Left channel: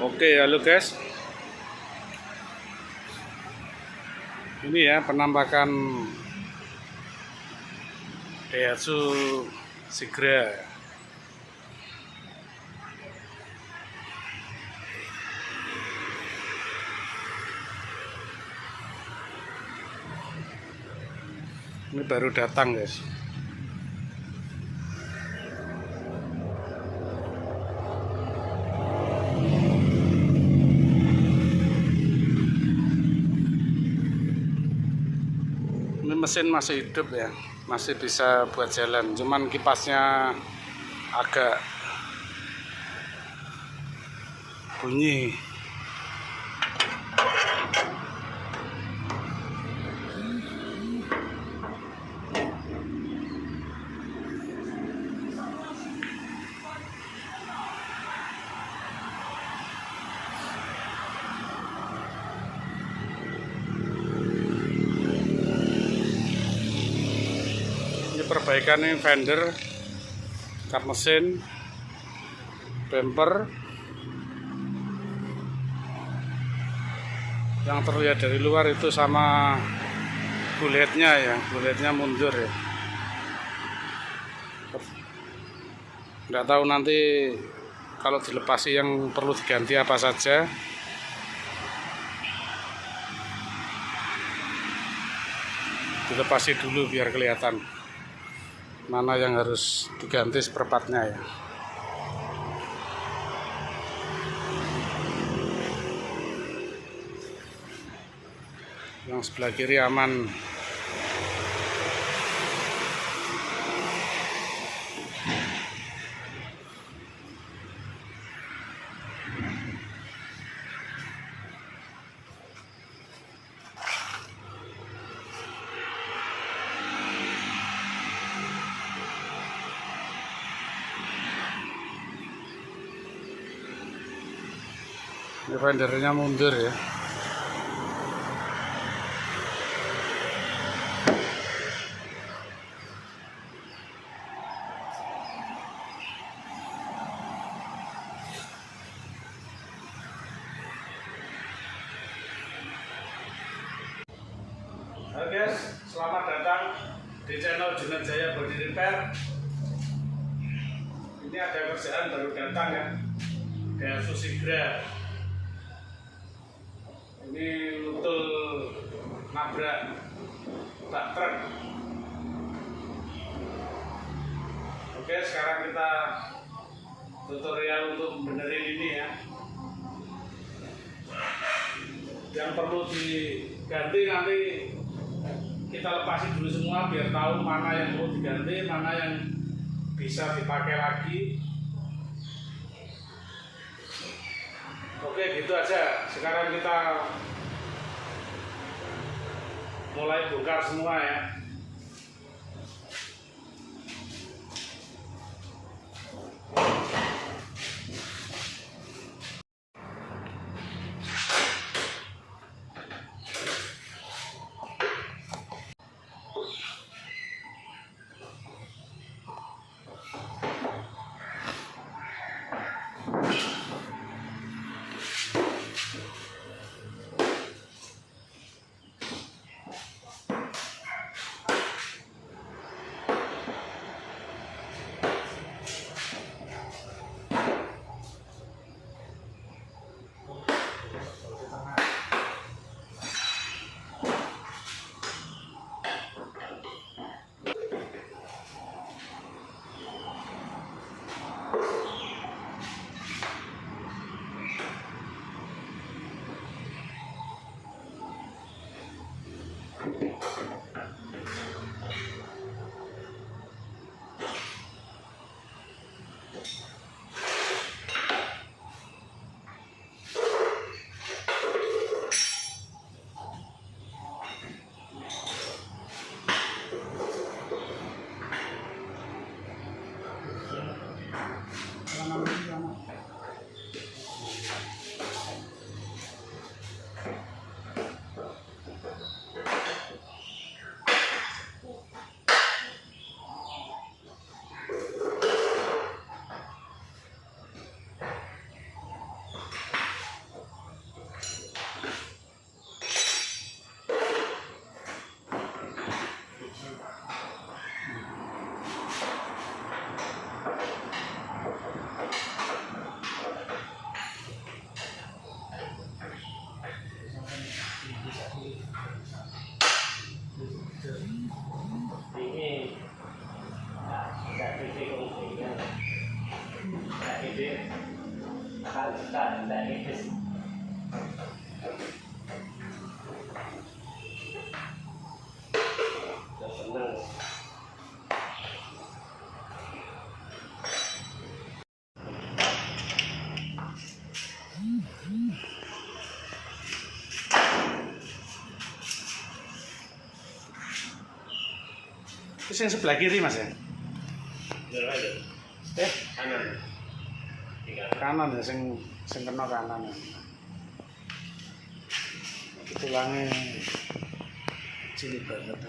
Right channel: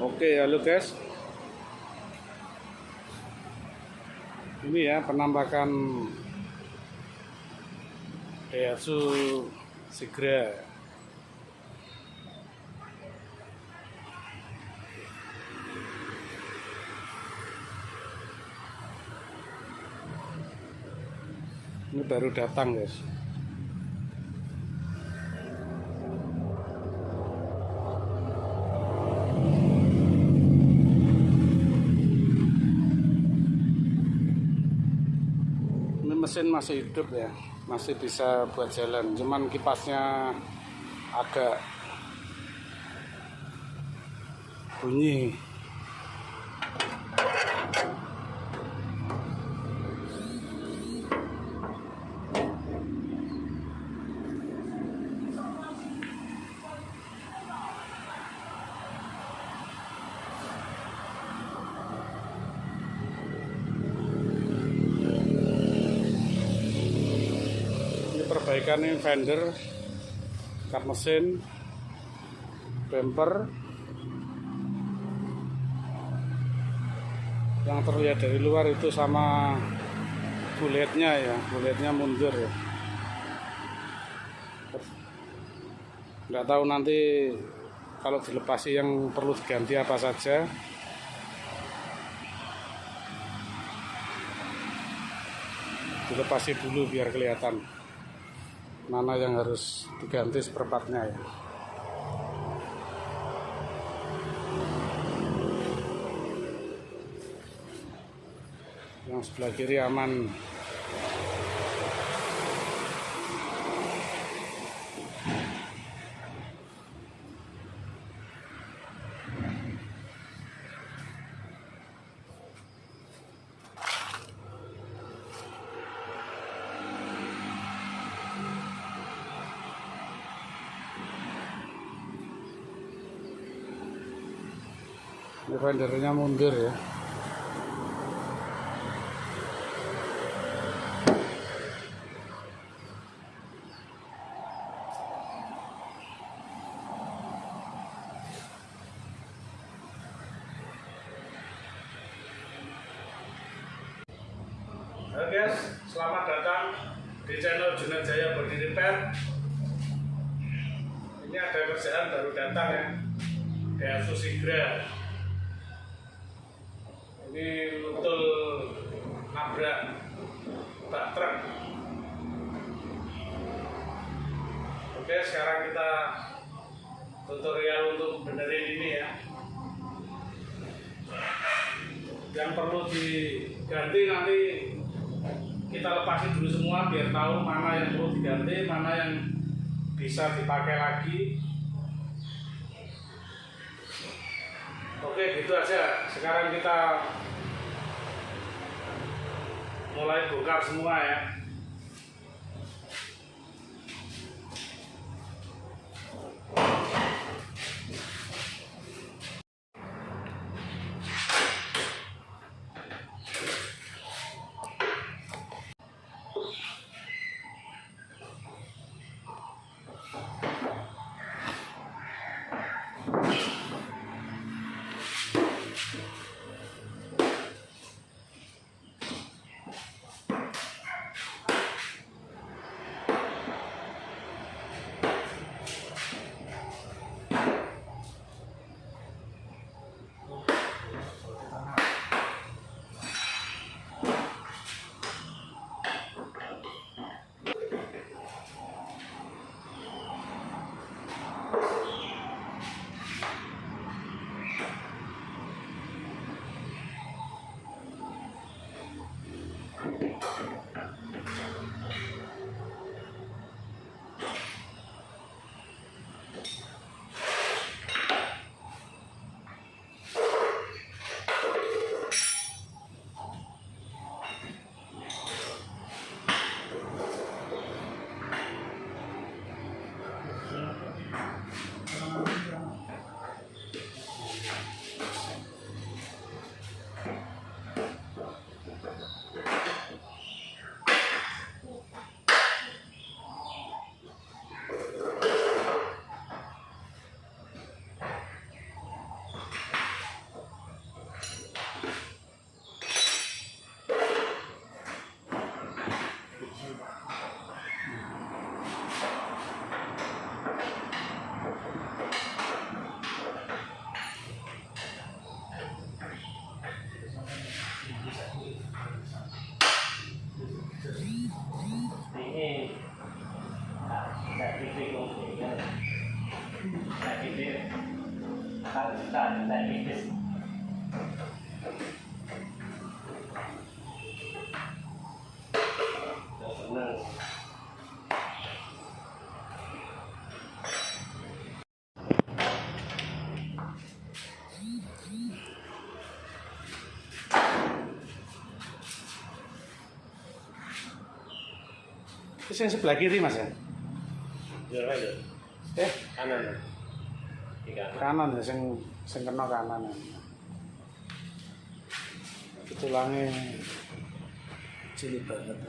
Oke, halo guys. Ini ya penampakan Daihatsu Sigra. Ini baru datang guys. Ini mesin masih hidup ya, masih bisa buat jalan. Cuman kipasnya agak bunyi. Perbaikan ini fender, kap mesin, bumper. Yang terlihat dari luar itu sama buletnya ya, buletnya mundur ya. Nggak tahu nanti kalau dilepasi yang perlu diganti apa saja. Dilepasi dulu biar kelihatan mana yang harus diganti seperempatnya ya. Yang sebelah kiri aman. Ini fendernya mundur ya. Halo guys, selamat datang di channel Junaid Jaya Body Repair. Ini ada kerjaan baru datang ya, Daihatsu Sigra. Ini betul nabrak bak truk. Oke, sekarang kita tutorial untuk benerin ini ya. Yang perlu diganti nanti kita lepasi dulu semua biar tahu mana yang perlu diganti, mana yang bisa dipakai lagi. Oke, gitu aja. Sekarang kita mulai bongkar semua ya. Terus yang sebelah kiri mas ya? Kanan. Kanan ya, sing kena kanan ya. Tulangnya cilik banget.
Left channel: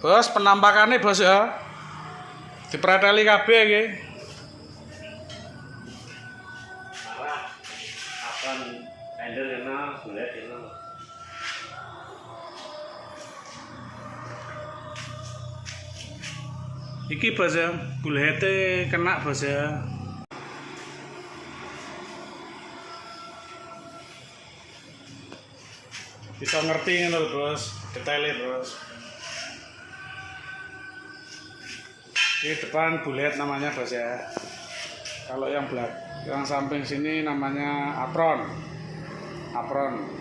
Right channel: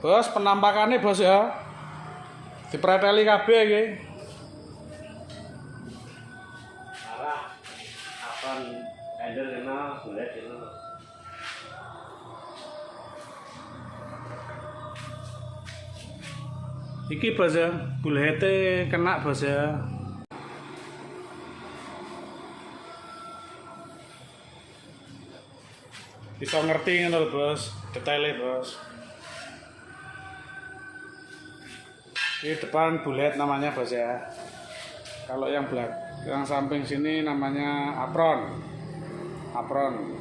Bos, penampakannya bos ya. Dipreteli kabeh iki. Malah akan tender kena bulat itu. Iki bos ya, bulete kena bos ya. Bisa ngerti ngono lho bos, detailnya bos. Ini depan bulet namanya bos ya. Kalau yang yang samping sini namanya apron. Apron.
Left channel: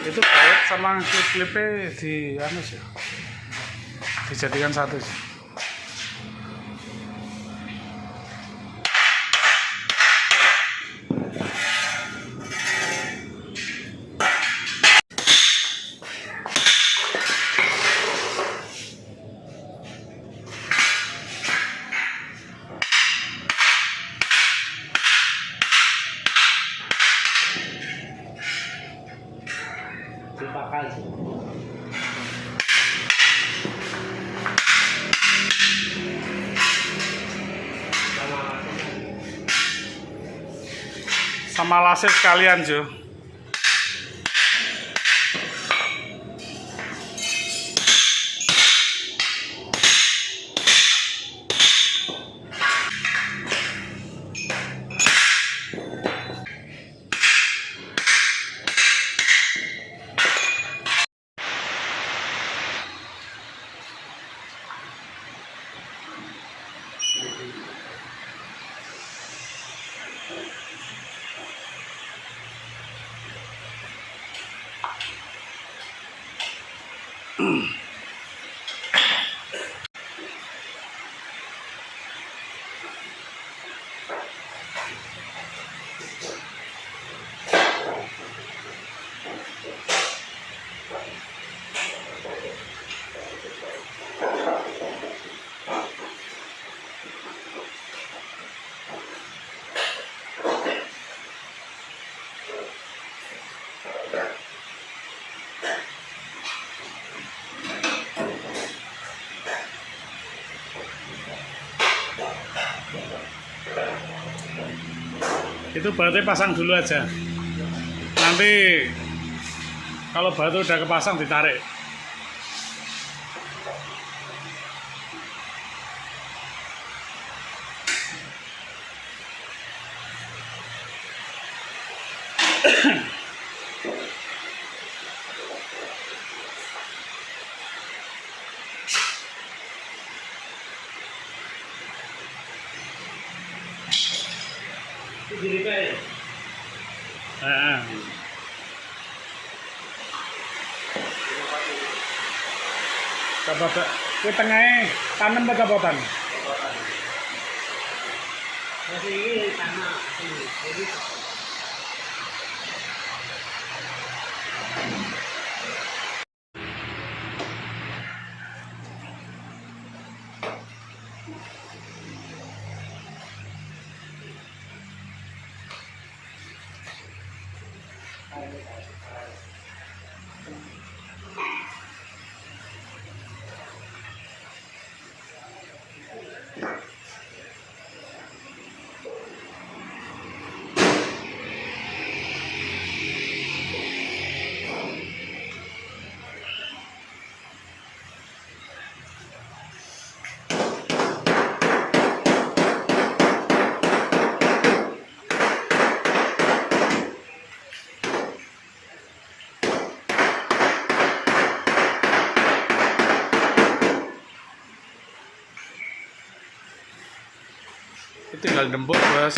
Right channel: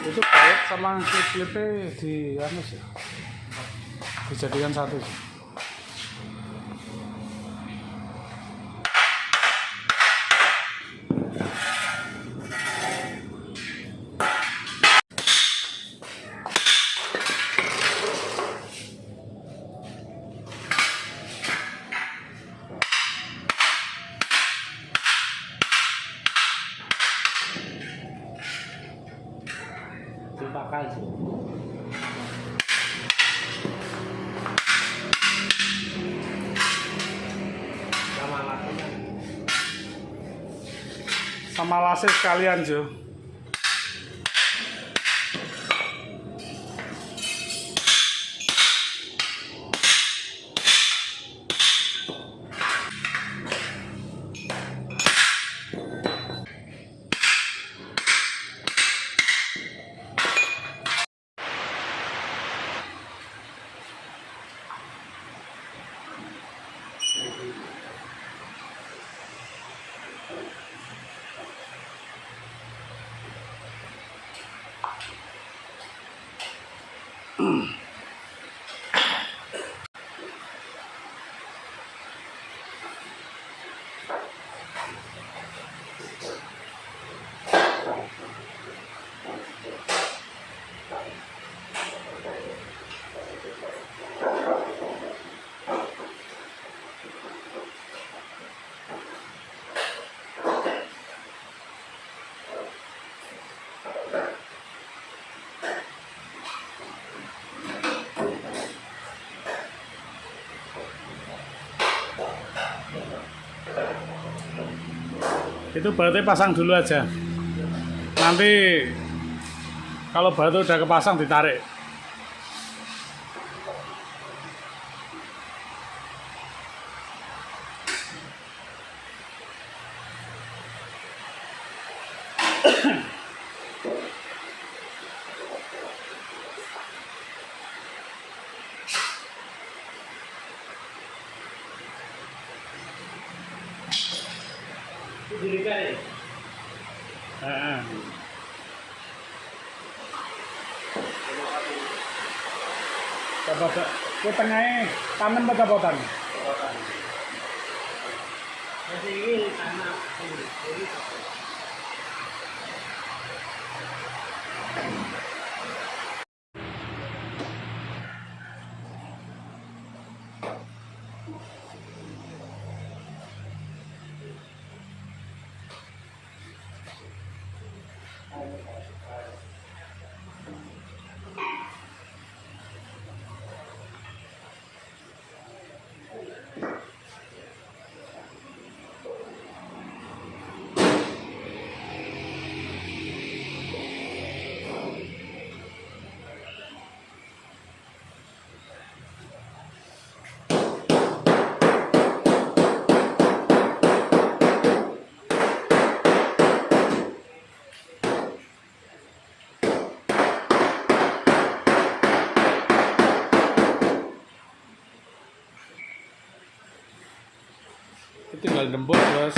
Itu baut sama klip-klipnya di anu sih, dijadikan satu sih. Dipakai sih. Sama lasnya sekalian Jo. Itu bautnya pasang dulu aja. Nanti kalau batu udah kepasang ditarik. Coba ke tengahnya tanam atau potan? Masih ini sama ini. Jadi Tinggal dempul, Bos.